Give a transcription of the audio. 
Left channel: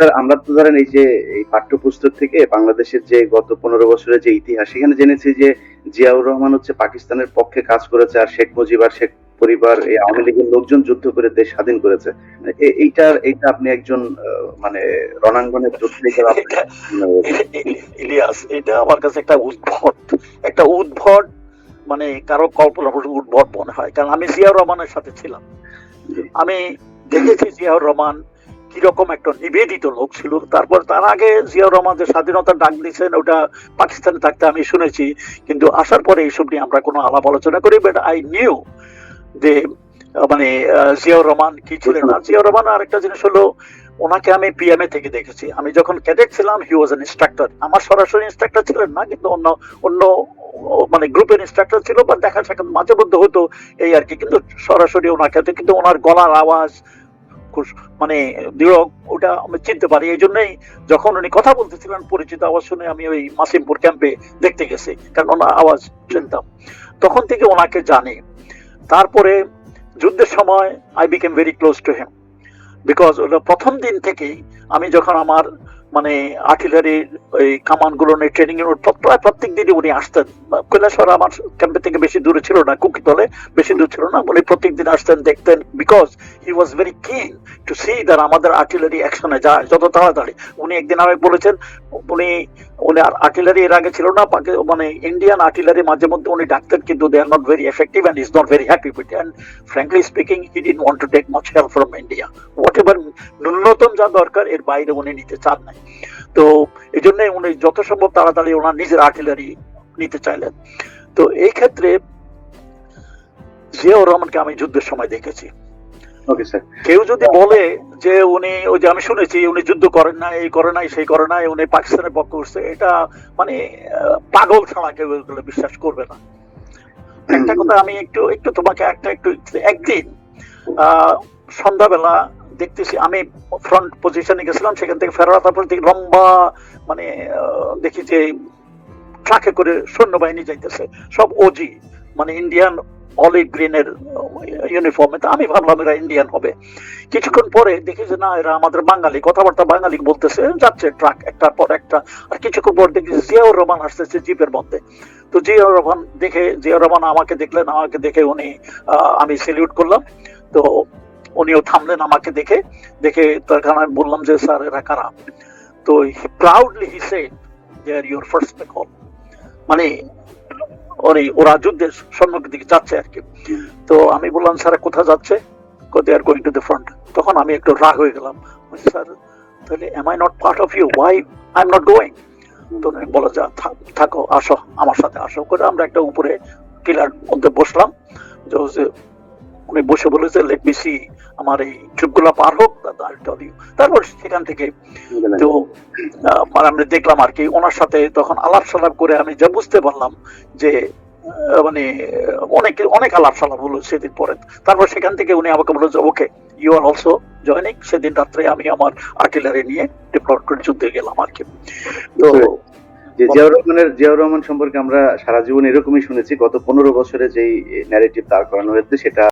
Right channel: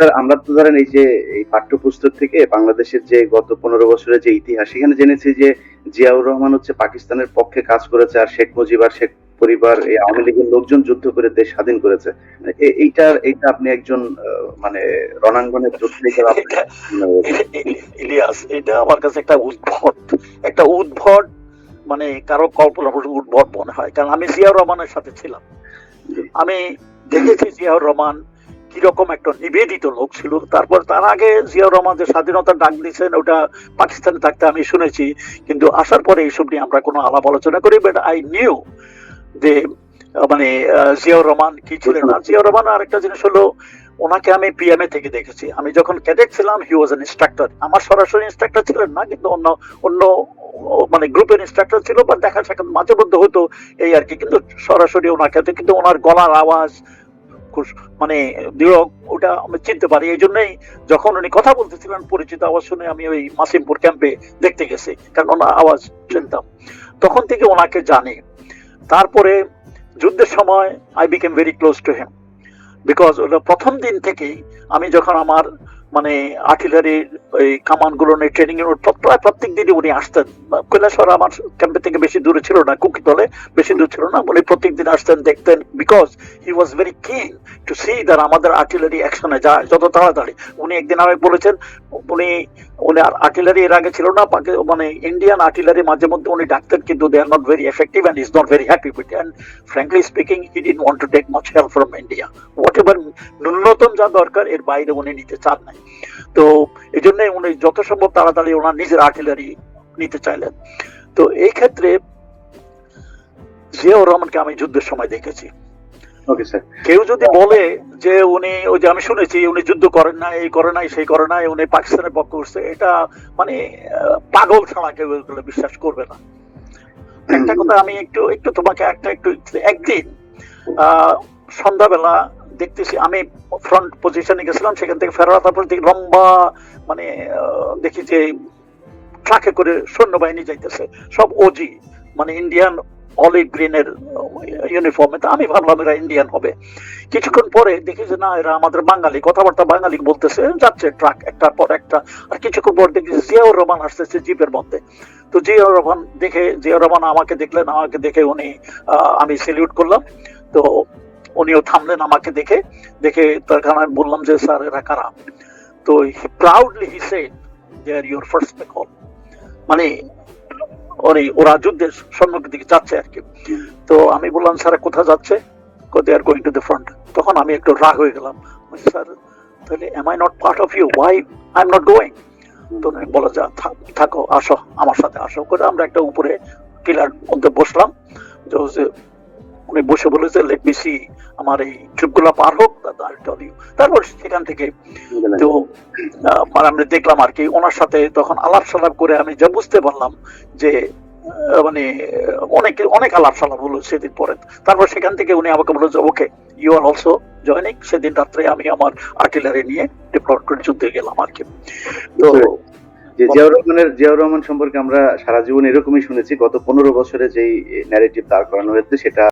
Sir আমরা তো ধরেন এই যে এই পাঠ্যপুস্তক থেকে বাংলাদেশের যে গত পনেরো বছরের যে ইতিহাস সেখানে জেনেছি যে জিয়াউর রহমান হচ্ছে পাকিস্তানের পক্ষে কাজ করেছে আর শেখ মুজিব আর শেখ পরিবার এই আওয়ামী লীগের লোকজন যুদ্ধ করে দেশ স্বাধীন করেছে। এইটার এইটা আপনি একজন মানে রণাঙ্গনের পত্রিকার ইলিয়াস এটা আমার কাছে একটা উদ্ভট একটা উদ্ভট মানে কারও কল্পনা উদ্ভট মনে হয়। কারণ আমি জিয়াউর রহমানের সাথে ছিলাম। আমি দেখেছি জিয়াউর রহমান কীরকম একটা নিবেদিত লোক ছিল। তারপর তার আগে জিয়াউর রহমান যে স্বাধীনতার ডাক দিয়েছেন, ওটা পাকিস্তানে থাকতে আমি শুনেছি। কিন্তু আসার পরে এইসব নিয়ে আমরা কোনো আলাপ আলোচনা করি বাট আই নিউ যে মানে জিয়াউর রহমান কি ছিলেন। আর জিয়াউর রহমান আর একটা জিনিস হলো, ওনাকে আমি পিএমএ থেকে দেখেছি। আমি যখন ক্যাডেট ছিলাম হি ওয়াজ এন ইনস্ট্রাক্টর আমার সরাসরি ইনস্ট্রাক্টর ছিলেন না, কিন্তু অন্য অন্য মানে গ্রুপের ইনস্ট্রাক্টর ছিল বা দেখা সাথে মাঝে মধ্যে হতো এই আর কি, কিন্তু সরাসরি ওনাকে কিন্তু ওনার গলার আওয়াজ মানে বিয়োগ ওটা আমি চিনতে পারি। এই জন্যই যখন উনি কথা বলতেছিলেন, পরিচিত আওয়াজ শুনে আমি ওই মুসিমপুর ক্যাম্পে দেখতে গেছি। তখন আওয়াজ শুনতে তখন থেকে ওনাকে জানি। তারপরে যুদ্ধের সময় I became very close to him because ওটা প্রথম দিন থেকেই আমি যখন আমার মানে আর্টিলারির ওই কামানগুলো নিয়ে ট্রেনিং এর প্রায় প্রত্যেক দিনই উনি আসতেন। কৈলাসর আমার ক্যাম্পের থেকে বেশি দূরে ছিল না কুকিতলে বেশি দূর ছিল না। উনি প্রত্যেক দিন আসতেন, দেখতেন because he was very thrill to see that artillery artillery উনি একদিন আমাকে বলেছেন, উনি উনি আর্টিলারি এর আগে ছিল না, বাকি মানে ইন্ডিয়ান আর্টিলারি মাঝে মধ্যে উনি ডাকতেন, কিন্তু they are not very effective and is not very happy with and frankly speaking he did want to take much help from India whatever ন্যূনতম এর বাইরে উনি নিতে চান নাই। তো এই জন্য উনি যত সম্ভব তাড়াতাড়ি ওনার নিজের আর্টিলারি নিতে চাইলেন। তো এই ক্ষেত্রে জিয়াউর রহমানকে আমি যুদ্ধের সময় দেখেছি। কেউ যদি বলে যে উনি ওই যে আমি শুনেছি উনি যুদ্ধ করেন না এই করে নাই সেই করে নাই উনি পাকিস্তানের পক্ষ করছে এটা মানে পাগল ছাড়া কেউ বিশ্বাস করবে না। একটা কথা আমি একটু একটু তোমাকে একটা একটু একদিন আহ, সন্ধ্যাবেলা দেখতেছি আমি ফ্রন্ট পজিশনে গেছিলাম, সেখান থেকে ফেরত আসার দেখি লম্বা মানে দেখি যে ট্রাকে করে সৈন্যবাহিনী যাইতেছে। সব ওজি মানে ইন্ডিয়ান অলিভ গ্রিনের ইউনিফর্মে তো আমি ভাবলাম এরা ইন্ডিয়ান হবে। কিছুক্ষণ পরে দেখি যে না, এরা আমাদের বাঙালি। কথাবার্তা বাঙালি বলতেছে, যাচ্ছে ট্রাক একটার পর একটা। আর কিছুক্ষণ পর দেখি জিয়াউর রহমান আসতেছে জিপের মধ্যে। তো জিয়াউর রহমান দেখে, জিয়াউর রহমান আমাকে দেখলেন, আমাকে দেখে উনি আমি সেলিউট করলাম। তো উনিও থামলেন আমাকে দেখে দেখে তখন আমি বললাম যে, স্যার, এরা কারা? তো proudly he said they are your first call মানে ওরে ওরা সম্মুখের দিকে যাচ্ছে আর কি। তো আমি বললাম, স্যার কোথায় যাচ্ছে? আর গোয়িং টু দ্য তখন আমি একটু রাগ হয়ে গেলাম। তাহলে am I not part of you why I am not going তো যা, থাকো আসো, আমার সাথে আসো। করে আমরা একটা উপরে টিলার মধ্যে বসলাম। যে উনি বসে বলেছে লেট মি সি আমার এই যুদ্ধগুলো পার হোক, তারপর I'll tell you." তারপর সেখান থেকে তো মানে আমরা দেখলাম আর কি, ওনার সাথে তখন আলাপ সালাপ করে আমি যা বুঝতে পারলাম যে মানে অনেক অনেক আলাপ সালাপ হলো সেদিন পরে। তারপর সেখান থেকে উনি আমাকে বলল যে, okay you are also joining সেদিন রাত্রে আমি আমার আর্টিলারি নিয়ে যুদ্ধে গেলাম আর কি। তো জিয়াউর রহমানের, জিয়াউর রহমান সম্পর্কে আমরা সারা জীবন এরকমই শুনেছি, গত পনেরো বছরে যেই ন্যারেটিভ দাঁড় করানো হয়েছে, সেটা